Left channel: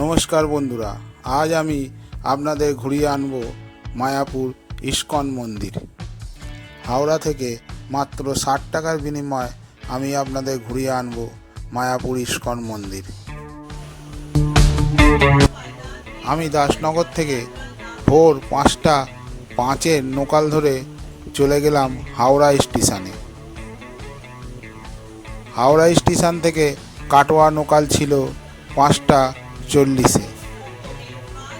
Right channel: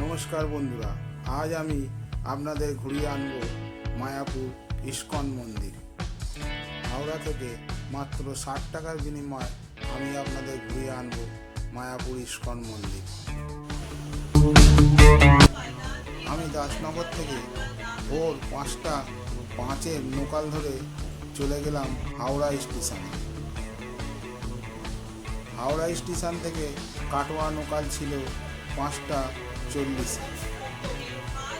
নমস্কার বন্ধুরা, আজ আমি আপনাদের ঘুরিয়ে আনব মায়াপুর ইস্কন মন্দির। হাওড়া থেকে মাত্র ষাট টাকার বিনিময়ে আমি আপনাদের ঘুরিয়ে আনব মায়াপুর ইস্কন মন্দির। আমি দাসনগর থেকে ভোর পাঁচটা পাঁচের নোকাল ধরে চলে গেলাম হাওড়া স্টেশনে। হাওড়া স্টেশন থেকে কাটোয়া নোকাল ছিল পাঁচটা চল্লিশে।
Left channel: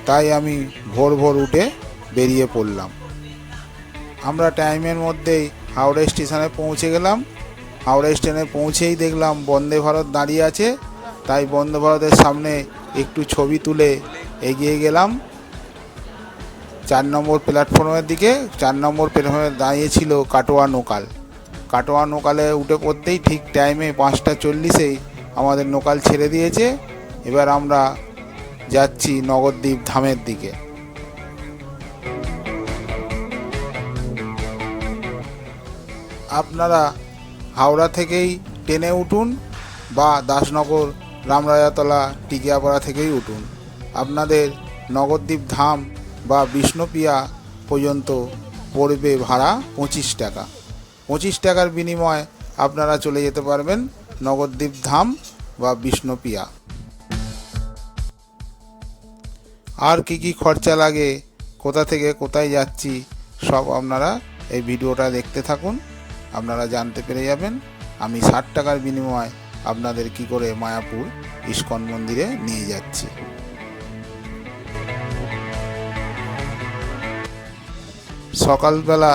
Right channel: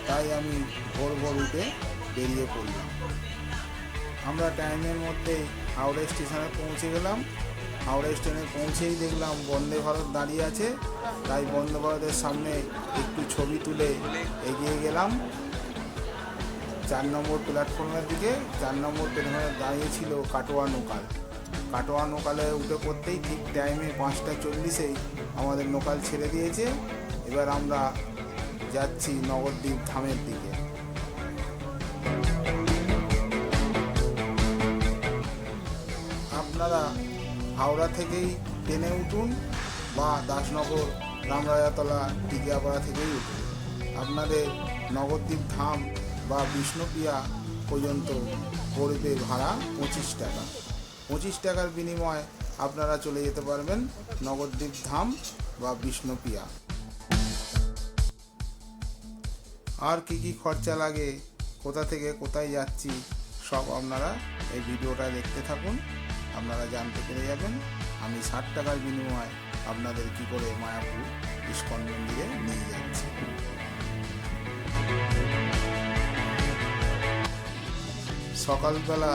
তাই আমি ভোর ভোর উঠে বেরিয়ে পড়লাম। আমরা টাইমের মধ্যেই হাওড়া স্টেশনে পৌঁছে গেলাম। হাওড়া স্টেশনে পৌঁছেই দেখলাম বন্দে ভারত দাঁড়িয়ে আছে। তাই বন্দে ভারতের সামনে একটু ছবি তুলে এগিয়ে গেলাম। চার নম্বর প্ল্যাটফর্মের দিকে, চার নম্বর প্ল্যাটফর্মে দাঁড়িয়েছিল কাটোয়া নোকাল। কাটোয়া নোকালে উঠে পড়তেই ঠিক টাইমে পাঁচটা চল্লিশেই আমাদের নোকাল ছেড়ে দিয়েছে। এবার আমরা যাচ্ছি নগরদ্বীপ ধামের দিকে। আপনারা হাওড়া থেকেই ট্রেনে উঠুন বা দাসনগর, রামরাজাতলা, টিকিয়াপাড়া থেকেই উঠুন। আপনাদের নগরদ্বীপ ধাম বা বিষ্ণুপ্রিয়া পর্যন্ত পড়বে ভাড়া পঁচিশ টাকা। পঁচিশ টাকার বিনিময়ে আপনারা চলে যেতে পারবেন নগরদ্বীপ ধাম বা বিষ্ণুপ্রিয়া আর কি কি খরচা লাগে, কোথা থেকে কোথায় যাচ্ছি, সব আপনারা এই ভিডিওটা দেখতে থাকুন। আপনারা জানতে পেরে যাবেন আমি ষাট টাকার বিনিময়ে আপনাদের কি করে মায়াপুর ইস্কন মন্দিরে নিয়ে যাচ্ছি। সকালবেলা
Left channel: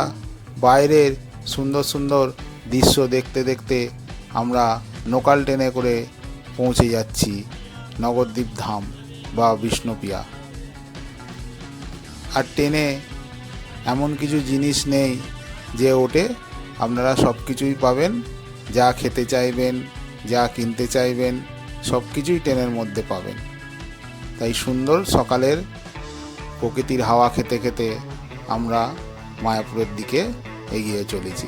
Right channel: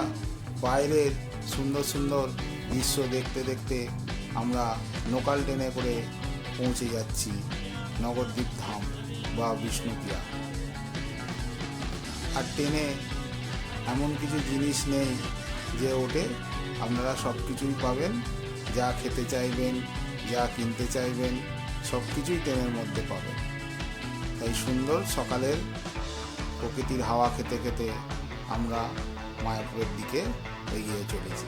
বাইরের সুন্দর সুন্দর দৃশ্য দেখতে দেখতে আমরা লোকাল ট্রেনে করে পৌঁছে যাচ্ছি, নগরদ্বীপ ধাম বা বিষ্ণুপ্রিয়া আর ট্রেনে এমন কিছু জিনিস নেই যে ওটে আপনারা সব কিছুই পাবেন, যা খেতে চাইবেন, যা কিনতে চাইবেন, সব কিছুই ট্রেনের মধ্যে পাবেন। তাই সুন্দর সকালের প্রকৃতির হাওয়া খেতে খেতে আমরা মায়াপুরের দিকে এগিয়ে চলেছি।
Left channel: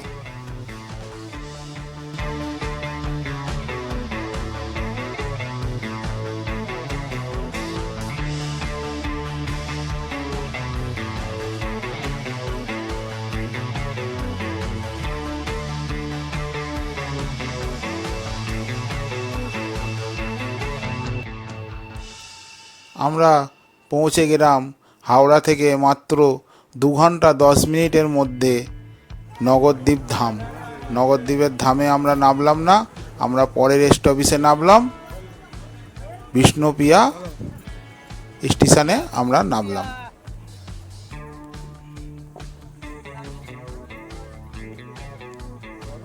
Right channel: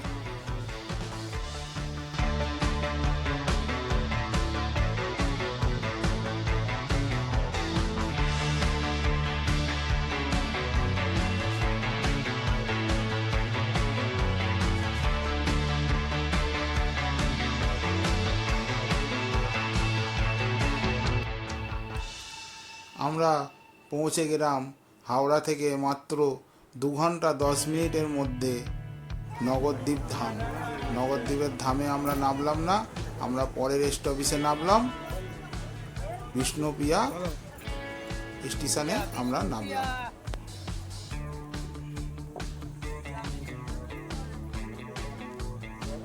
আমরা পৌঁছে গেলাম হাওড়া থেকে মাত্র দু ঘণ্টা দশ মিনিটের মধ্যে নগরদ্বীপ ধাম। নগরদ্বীপের ধামে আমরা নামলাম না, আমরা পরের স্টপেজে নামলাম। বিষ্ণুপ্রিয়া স্টেশনে আমরা নামলাম।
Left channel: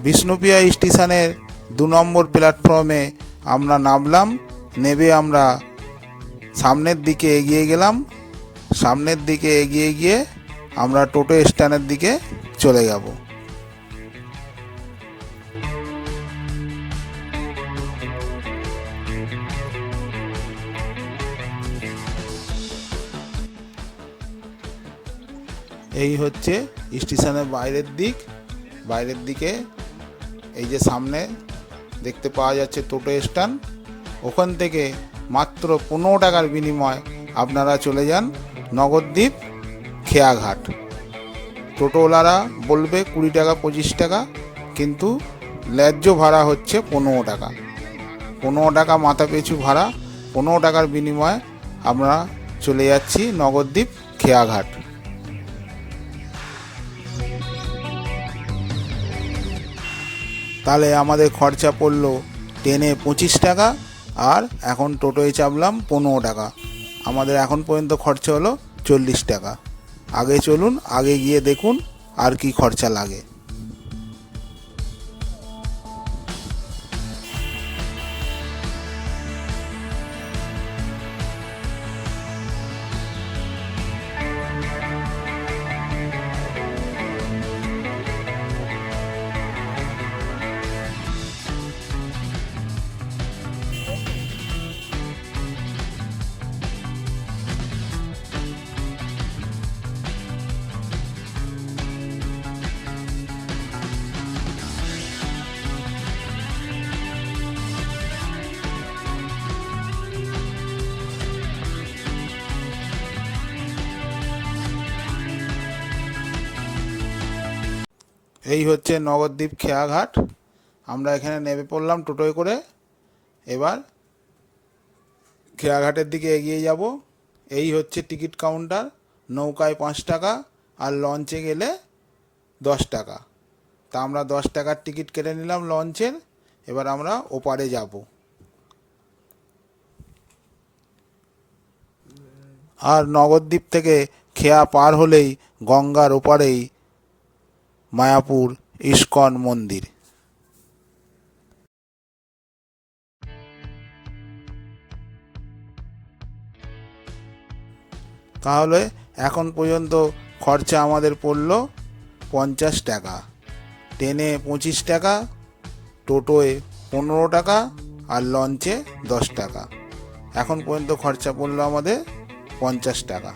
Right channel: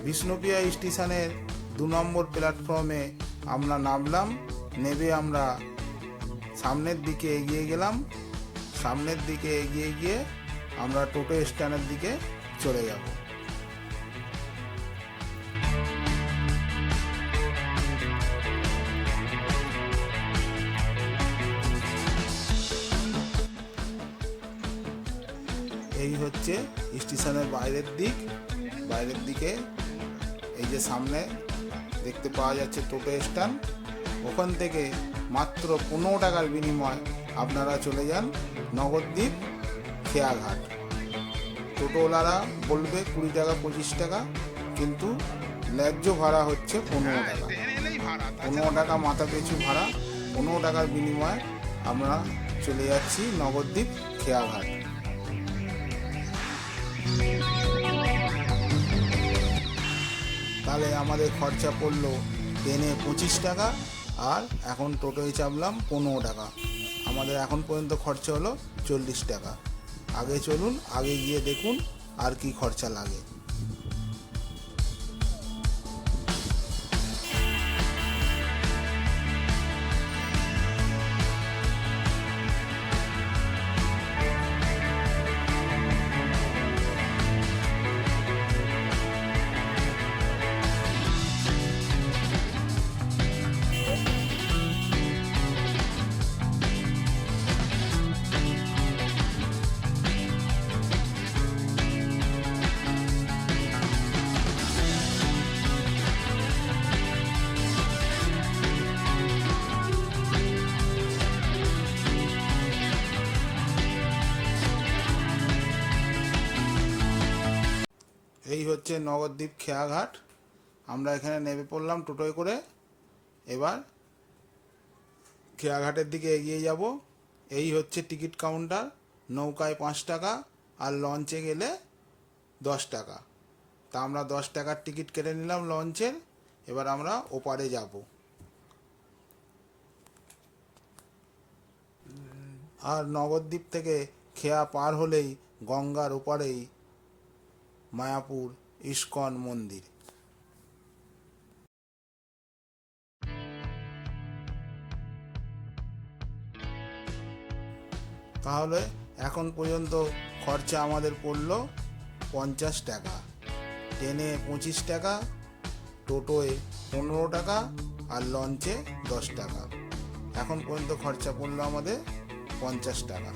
বিষ্ণুপ্রিয়া স্টেশনের দু নম্বর প্ল্যাটফর্মে আমরা নামলাম, নেবে আমরা সামনের দিকে এগিয়ে গেলাম। সামনের দিকে এগিয়ে গিয়ে আমরা টোটো স্ট্যান্ডের দিকে চলে যাব। এই হচ্ছে স্টেশনের বাইরের দিক। বাইরের দিকে এই যে সামনে দেখতে পাওয়া যাচ্ছে টোটো স্ট্যান্ড। ওখান থেকে মাত্র পনেরো টাকার বিনিময় আপনারা চলে যান নগরদ্বীপ খেয়াঘাট। টোটোওয়ালারা বলবে কুড়ি টাকা, পঁচিশ টাকা, কিন্তু ন্যায্য ভাড়া হচ্ছে পনেরো টাকা। পনেরো টাকা মাথা পিছু ভাড়া, পনেরো টাকার বিনিময়ে আমরা চলে যাচ্ছি নগরদ্বীপ খেয়াঘাট। তাহলে আমাদের খরচা পড়ল ট্রেনে পঁচিশ টাকা আর এখন টোটোয় চাপলাম পনেরো টাকা। আমাদের এখন পর্যন্ত খরচা হলো চল্লিশ টাকা। আগে চলুন, আগে গিয়ে দেখুন আর কি খরচা লাগে। এই হচ্ছে নগরদ্বীপ খেয়াঘাট। আমরা এখানে নেমে পড়লাম টোটোয় করে। এবার খেয়াঘাটের দিকে এগিয়ে যাব। এই হচ্ছে টিকিট কাউন্টার। নৌকায় পাঁচ টাকা আর লঞ্চে গেলে দশ টাকা। তা আমরা দশ টাকার টিকিট কেটে নিলাম লঞ্চের। এবার আমরা ওপারে যাব। আর নগরদ্বীপ থেকে খেয়া পার হলেই গঙ্গার ওপারেই মায়াপুর ইস্কন মন্দির। তাহলে এখন পর্যন্ত খরচা আমাদের পড়ল পঞ্চাশ টাকা। ট্রেনে পঁচিশ টাকা, টোটোয় পনেরো টাকা আর লঞ্চে দশ টাকা। এখন পর্যন্ত খরচা পড়ল আমাদের পঞ্চাশ টাকা।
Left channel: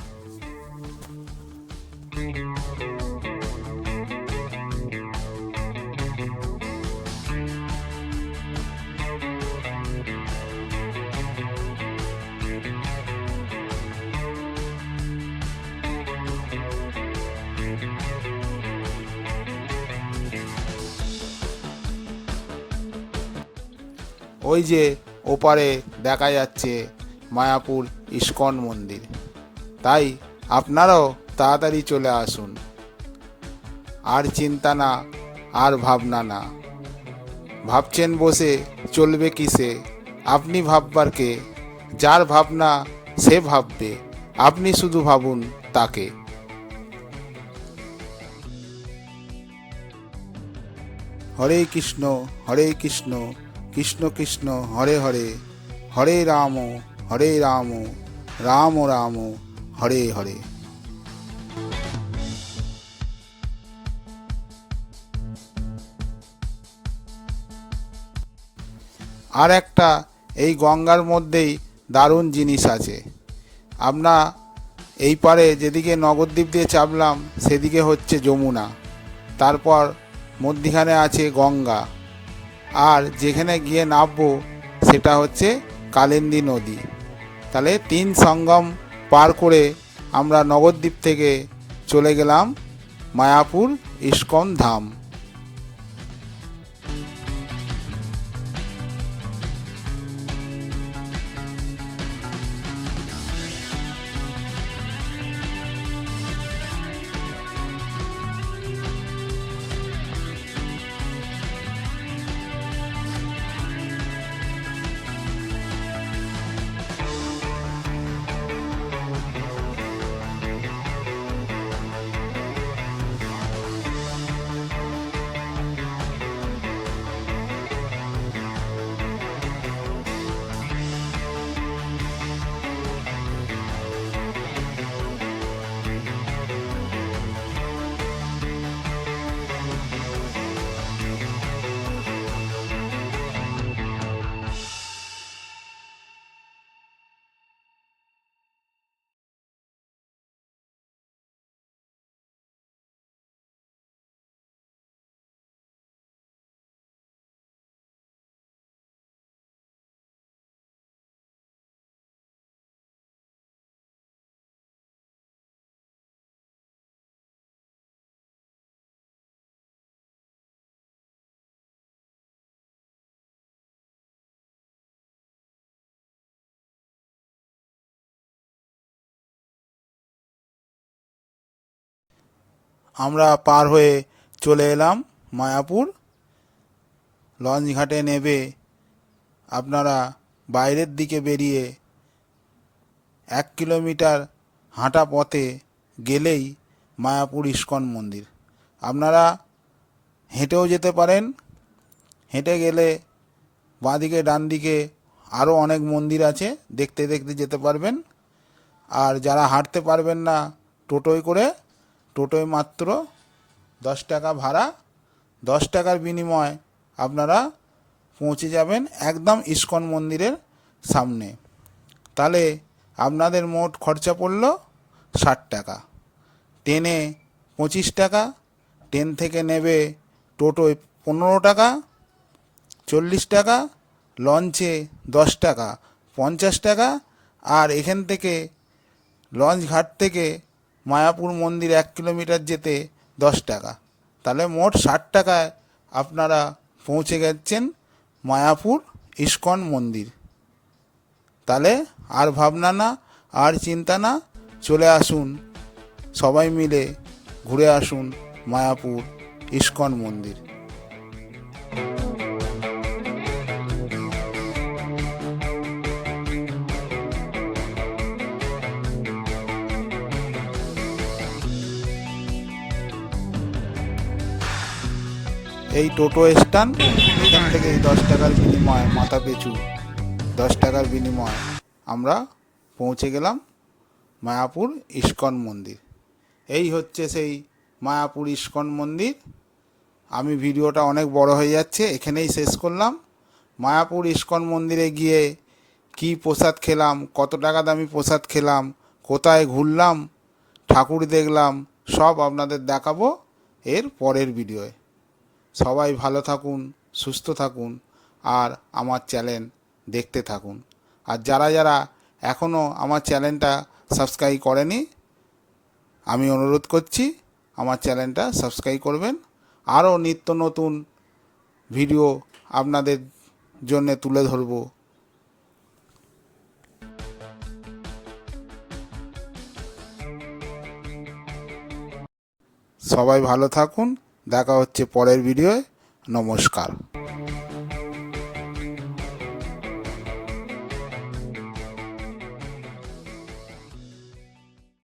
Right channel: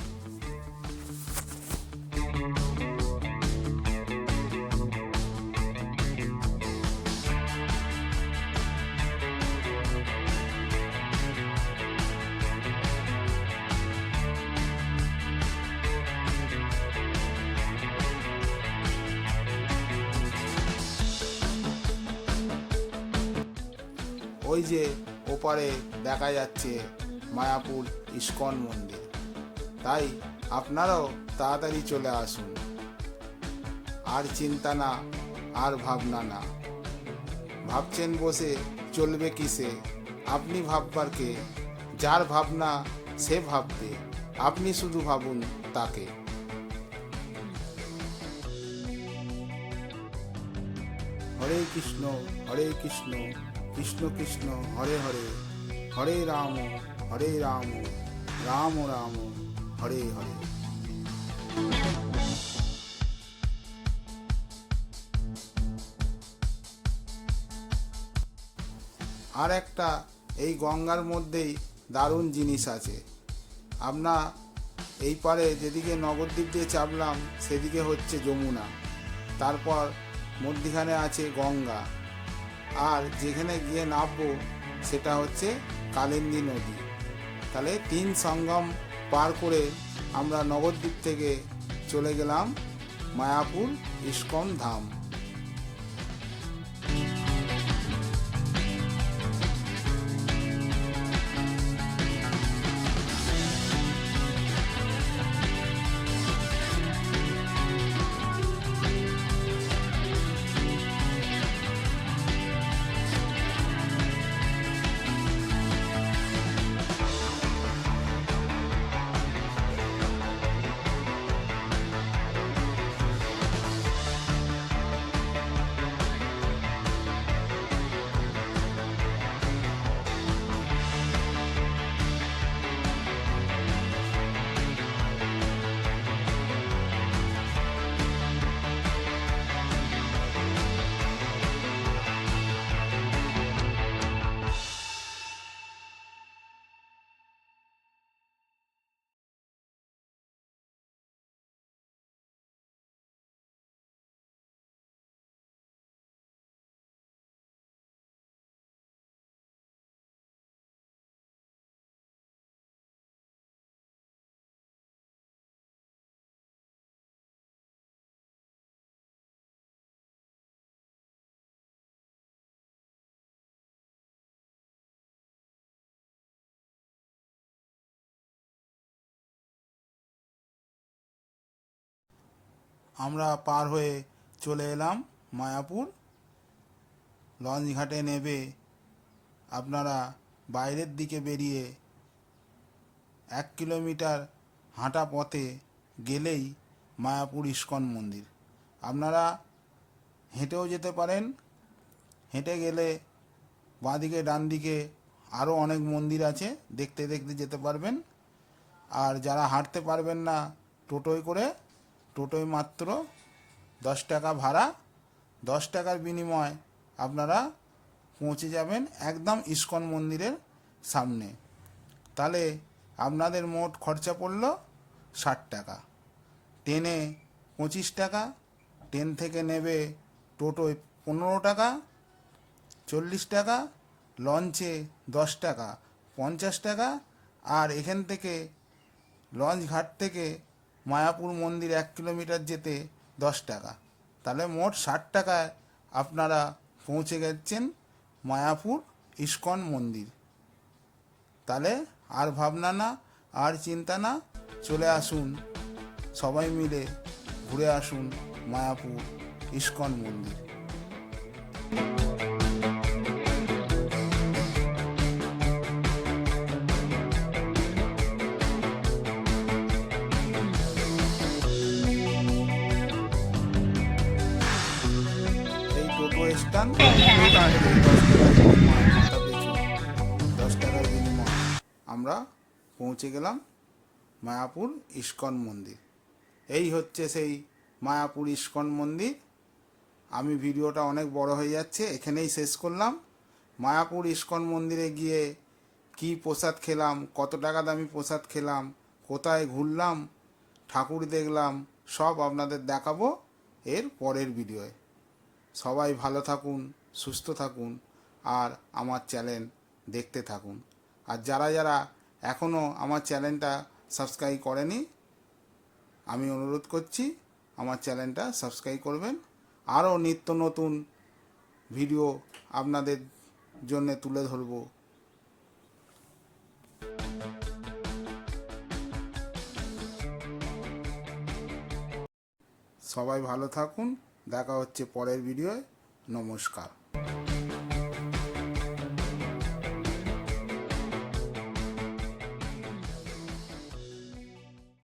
ওই যে ওপারে দেখা যাচ্ছে মায়াপুর ইস্কন মন্দির। তাই আপনারাও তাড়াতাড়ি চলে আসুন। আর চিন্তা না, আর ভাবনা না। ভাবছেন বসে চলবে কিসে? আপনি ভাববার কে? যার ভাবনা সে ভাববে। আপনি শুধু ভাবুন তাকে। হরে কৃষ্ণ হরে কৃষ্ণ। কৃষ্ণ কৃষ্ণ হরে হরে হরে রাম হরে রাম রাম রাম, হরে হরে। আর একটা, এই গঙ্গার মধ্যেই দারুণ জিনিস আছে। আমরা এই পারে যেদিকে নগরদ্বীপ দিয়ে চাপলাম, সেদিকে হচ্ছে যমুনা। তারপর মধ্যিখানে আছে গঙ্গা। আর যেখানে গিয়ে নামবো, সেটা হচ্ছে কালেন্দী নদী। তাহলে তিন সঙ্গম পার করে আমরা নবদ্বীপ থেকে চলে গেলাম মায়াপুর ইস্কন ধাম। আমরা পার হয়ে চলে এলাম মায়াপুর। লঞ্চ ঘাটে নেবে আপনারা বাইরের দিকে বেরিয়ে এক কিলোমিটার হাঁটা পথে গেলেই মায়াপুর ইস্কন মন্দির। আপনারা হেঁটেও যেতে পারেন। হেঁটে গেলে বাঁদিকে ডান দিকে আরও অনেক মন্দির আছে, দেখতে দেখতে যেতে পারবেন। আর যারা হাঁটতে পারবেন না টোটোয় করে টোটোয় মাত্র দশ টাকা ভাড়া, দশ টাকার বিনিময়ে আপনারা পৌঁছে যাবেন একদম ইস্কন মন্দিরের সামনে। তাহলে আপনাদের মোট খরচা পড়ল ষাট টাকা। ট্রেনে পঁচিশ টাকা, ট্রেন থেকে নেবে টোটোয় পনেরো টাকা, চল্লিশ টাকা, লঞ্চে দশ টাকা, পঞ্চাশ টাকা, আর এখান থেকে লঞ্চ ঘাট থেকে মায়াপুর মন্দির এক কিলোমিটার যেতে দশ টাকা। তাহলে মোট ষাট টাকায় আপনারা পৌঁছে গেছেন মায়াপুর ইস্কন মন্দির। তাহলে আর ভাবনা না, আর চিন্তা না, চলে আসুন। সবাই মিলে ঘুরে আসুন মায়াপুর ইস্কন মন্দির। এই টোটো স্ট্যান্ড, এখান থেকে দশ টাকার বিনিময়, মাথা পিছু, দশ টাকার বিনিময়ে আমরা পৌঁছে গেলাম মায়াপুর ইস্কন মন্দির। এই হচ্ছে সেই মায়াপুর ইস্কন মন্দির। আমি ভিডিওটা অনেক বড় হয়ে যাচ্ছে, এখানেই শেষ করলাম। মায়াপুর ইস্কন মন্দিরে গিয়ে কি প্রসাদ খেলাম, কত টাকা দামি প্রসাদ খেলাম, কোথায় ঘুরলাম, ঠাকুর দেখলাম, সব আপনাদের দেখাবো এর পরের ভিডিওয়। সবাই ভালো থাকুন, সুস্থ থাকুন আর আমার চ্যানেল দেখতে থাকুন। আর যারা যারা এখনও আমার চ্যানেলটা সাবস্ক্রাইব করেনি, আমি অনুরোধ করছি আমার চ্যানেলটা সাবস্ক্রাইব করবেন। আরও নিত্য নতুন ভিডিও আপনাদের জন্য তুলে ধরব। সবাই ভালো থাকুন দেখা হচ্ছে পরের ভিডিওয়। নমস্কার।